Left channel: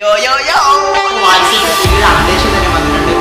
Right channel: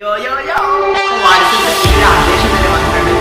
വാട്സാപ്പിൽ പുതിയൊരു അപ്ഡേഷൻ തന്നെ വന്നിട്ടുണ്ട്.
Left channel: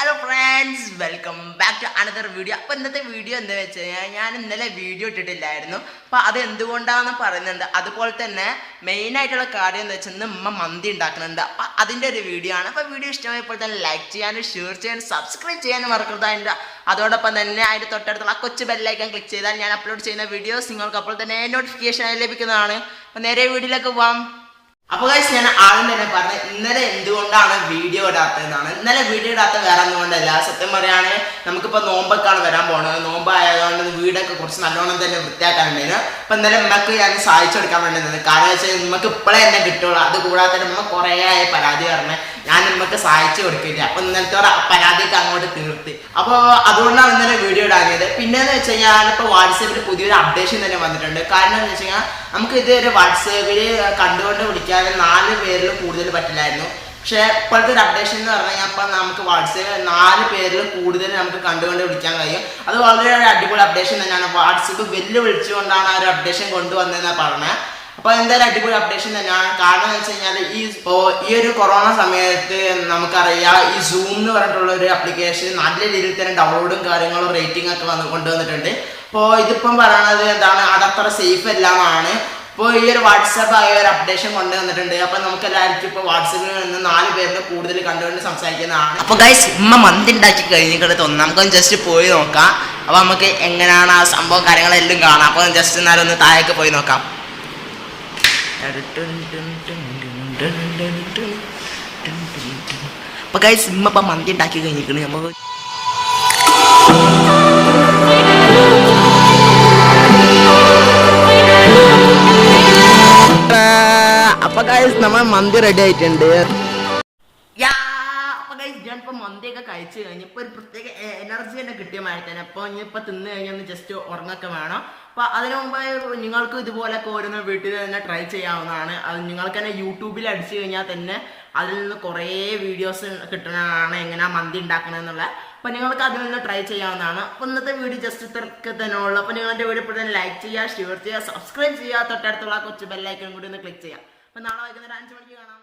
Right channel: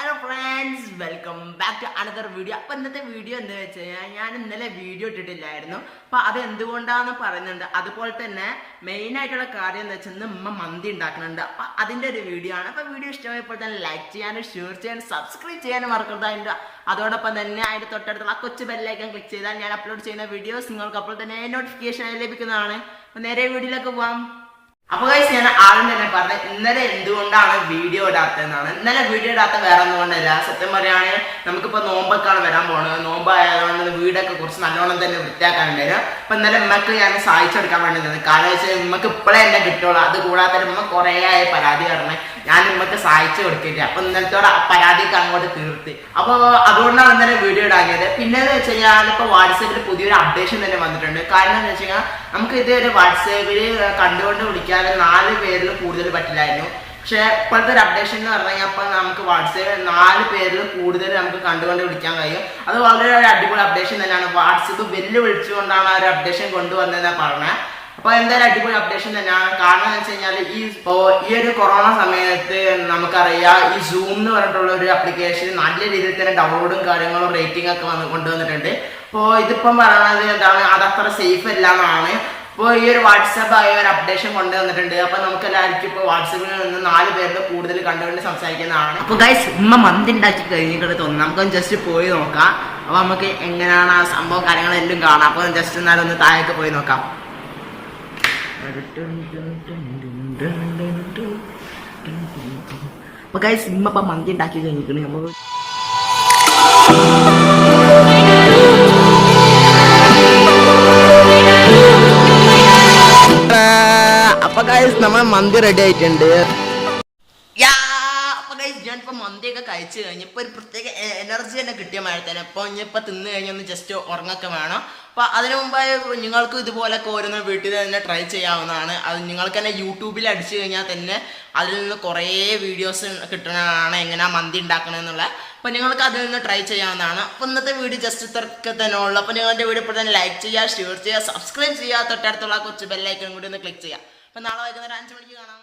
Hello friends, welcome back to another video. അപ്പോൾ ഇന്നത്തെ വീഡിയോ എന്താ വെച്ച് കഴിഞ്ഞാൽ ഞാൻ ഇന്നലെ വീഡിയോ ഇട്ടിട്ടില്ലായിരുന്നു. അപ്പോൾ അത് എന്തുകൊണ്ടാണെന്ന് പറയുന്നുണ്ട്. അതുപോലെ തന്നെ മെയിനായിട്ടുള്ള കാര്യം എന്താ വെച്ചാൽ ഉമ്മ മന്തി ഉണ്ടാക്കുന്നുണ്ട്. അപ്പോൾ അതിൻ്റെ ഒരു വീഡിയോ ആണ്. അപ്പോൾ വീഡിയോ ഇഷ്ടമായപ്പോൾ തന്നെ ലൈക്ക് ചെയ്യാനും ഷെയർ ചെയ്യാനും സബ്സ്ക്രൈബ് ചെയ്യാനും മറക്കരുത്. അതോടൊപ്പം തന്നെ അതിൻ്റെ തൊട്ടടുത്തുള്ള കൊച്ചു ബെല്ലൈക്കൺ ക്ലിക്ക് ചെയ്താൽ ഞാൻ അപ്ലോഡ് ചെയ്യുന്ന വീഡിയോസ് നിങ്ങൾക്ക് അപ്പോൾ തന്നെ നോട്ടിഫിക്കേഷൻ ആയി ലഭിക്കുന്നതാണ്. അപ്പോൾ നേരെ വീഡിയോയിലേക്ക് പോവാം. അപ്പോൾ ഗൈസ്, ഞാൻ ആദ്യം തന്നെ പറഞ്ഞത് ഇന്നലെ എന്തുകൊണ്ടാണ് വീഡിയോ ഇടാത്തതെന്നാണ്. ഇന്നലെ വീഡിയോ ഇടാത്ത വേറെ ഒന്നുകൊണ്ടല്ല. സത്യം പറയുകയാണെങ്കിൽ നമുക്കിപ്പോൾ നോമ്പൊക്കെയാണ് വരാൻ പോകുന്നത്. നോമ്പ് ആയതുകൊണ്ട് വീടൊക്കെ കുറച്ച് നല്ലോണം തന്നെ വൃത്തിയാക്കാനുണ്ടായിരുന്നു. അപ്പോൾ ഇന്നലെ ഉമ്മക്ക് ഞാൻ സഹായിച്ചെടുക്കാൻ വേണ്ടി നിന്നത്. കാരണം വെച്ചാൽ ഉമ്മക്ക് ഇപ്പോഴേ എന്നെ കിട്ടുള്ളൂ. അത് കൂടാതെ തന്നെ ഉമ്മ കുറേ ആയി പരാതി പറഞ്ഞ് ഞാൻ ഉമ്മക്ക് സഹായിച്ചു കൊടുക്കില്ല. അപ്പോൾ ഇന്നലത്തോടെ പരാതിക്ക് അങ്ങോട്ട് തീർത്ത്. അപ്പോൾ അതുകൊണ്ടാണ് ഇന്നലെ വീഡിയോ ഇടാങ്ങിയത്. പിന്നെയെന്ന് വെച്ച് കഴിഞ്ഞാൽ ഇപ്പോൾ വാട്സാപ്പിൽ പുതിയൊരു അപ്ഡേഷൻ തന്നെ വന്നിട്ടുണ്ട്. കാരണം എന്ന് വെച്ച് കഴിഞ്ഞാൽ നമുക്ക് ഇതൊരു വാട്സാപ്പിൽ കണ്ടുകൊണ്ട് വിളിക്കാതെ 4 പേരിൽ കൂടുതൽ പറ്റില്ലായിരുന്നു. പക്ഷേ ഇപ്പോഴത്തെ ഒരു അപ്ഡേഷൻ എന്ന് പറഞ്ഞു കഴിഞ്ഞാൽ അപ്പം നമുക്ക് വാട്സാപ്പ് 4 പേരിൽ കൂടുതൽ നമുക്ക് കണ്ടുകൊണ്ട് വിളിക്കാൻ കഴിയും. അത് വളരെ ഒരു അടിപൊളി അപ്ഡേഷൻ തന്നെയാണ്. വാട്സാപ്പ് വെല്ലുവിളിച്ചുകൊണ്ടാണ് ആ ഒരു അപ്ഡേഷൻ കൊണ്ടുവന്നതെന്നാണ് പറഞ്ഞത്. അപ്പോൾ എന്തായാലും അടിപൊളി അപ്ഡേഷൻ തന്നെയാണ്. കാരണം എന്ന് വെച്ച് കഴിഞ്ഞാൽ ഈ ഒരു കൊറോണ സമയത്ത് നമുക്കറിയാം ഈ സൂം എന്ന് പറഞ്ഞിട്ടുള്ള ഒരു ആപ്ലിക്കേഷൻ നല്ല രീതിയിൽ തന്നെ ഡൗൺലോഡും കാര്യങ്ങളും റേറ്റിംഗ് ഒക്കെ കൊണ്ടുവന്നിട്ടുണ്ട്. അപ്പോൾ ഇതിപ്പം പറയണത് എന്താണ്, അതത്ര സേഫ് അല്ല എന്നാണ്. ഇപ്പോൾ ഈ ഒരു വാട്സാപ്പ് ആയ ഒരു അപ്ഡേഷൻ കൊണ്ടുവന്നിട്ടുണ്ട്. അപ്പോൾ നമുക്ക് എല്ലാവർക്കും ഇപ്പോൾ വാട്സാപ്പിൽ നിന്ന് 4 പേരിൽ കൂടുതൽ കണ്ടുകൊണ്ട് സംസാരിക്കുന്നതാണ്. അപ്പോൾ ഗൈസ്, ഉമ്മ മന്തി ഉണ്ടാക്കി കഴിഞ്ഞിട്ട് തോന്നുന്നു. നമുക്കൊന്ന് ജസ്റ്റ് പോയി നോക്കാം. അപ്പോൾ നമുക്ക് എങ്ങനെയാണ് ആ സംഭവം കാര്യങ്ങളെല്ലാം കാണാം. അപ്പോൾ ജസ്റ്റ് എന്നാലും ഒന്ന് താഴേക്ക് പോയി നോക്കാം. അപ്പോൾ ഗൈസ്, ഉമ്മ ഇപ്പം മന്തി ഉണ്ടാക്കി കഴിഞ്ഞിരിക്കുന്നു. നമ്മൾ അപ്പോൾ ഗൈസ്, നമ്മൾ മന്തി റെഡി ആയിട്ടുണ്ട്. അപ്പോൾ ഗൈസ്, ഞാനിപ്പോൾ മന്തിയൊക്കെ കഴിച്ച് കഴിഞ്ഞ് ഇപ്പോൾ ഒരു പ്രത്യേക എനർജി തന്നെ കിട്ടിയ മാതിരി തന്നെ. അപ്പോൾ ഇനിയിപ്പോൾ തിന്ന് കഴിഞ്ഞാൽ ഒന്ന് ജസ്റ്റ് ഉറങ്ങൊക്കെ വേണം. അപ്പോൾ അതിനു മുമ്പായി നിങ്ങൾക്ക് ഇതുപോലൊക്കെ ഓരോന്ന് വീട്ടിൽ തന്നെ ട്രൈ ചെയ്യാവുന്നതാണ്. അത് നിങ്ങൾക്ക് തന്നെ യൂട്യൂബിൽ അടിച്ചു കഴിഞ്ഞാൽ തന്നെ അതിൽ നിന്ന് കുറേ വീഡിയോസ് കിട്ടുന്നതാണ് എങ്ങനെയാണ് മന്തി ഉണ്ടാക്കണമെന്നുള്ള. അപ്പോൾ നിങ്ങൾക്ക് അതിൽ നിന്ന് ട്രൈ ചെയ്യാവുന്നതാണ്. അപ്പോൾ ഇന്നത്തെ വീഡിയോ ജസ്റ്റ് ഇത്രയൊക്കെ തന്നെ ഉള്ളൂ. അപ്പോൾ നിങ്ങളുടെ വീഡിയോ ഇപ്പോൾ തന്നെ ലൈക്ക് ചെയ്യുക, ഷെയർ ചെയ്യുക, സബ്സ്ക്രൈബ് ചെയ്യുക, തൊട്ടടുത്തുള്ള കൊച്ചു ബെല്ലൈക്കൺ കൂടി ഒന്ന് ക്ലിക്ക് ചെയ്യുക. അപ്പോൾ നാളെ വൈകുന്നേരം 5 മണിക്ക് കാണാം.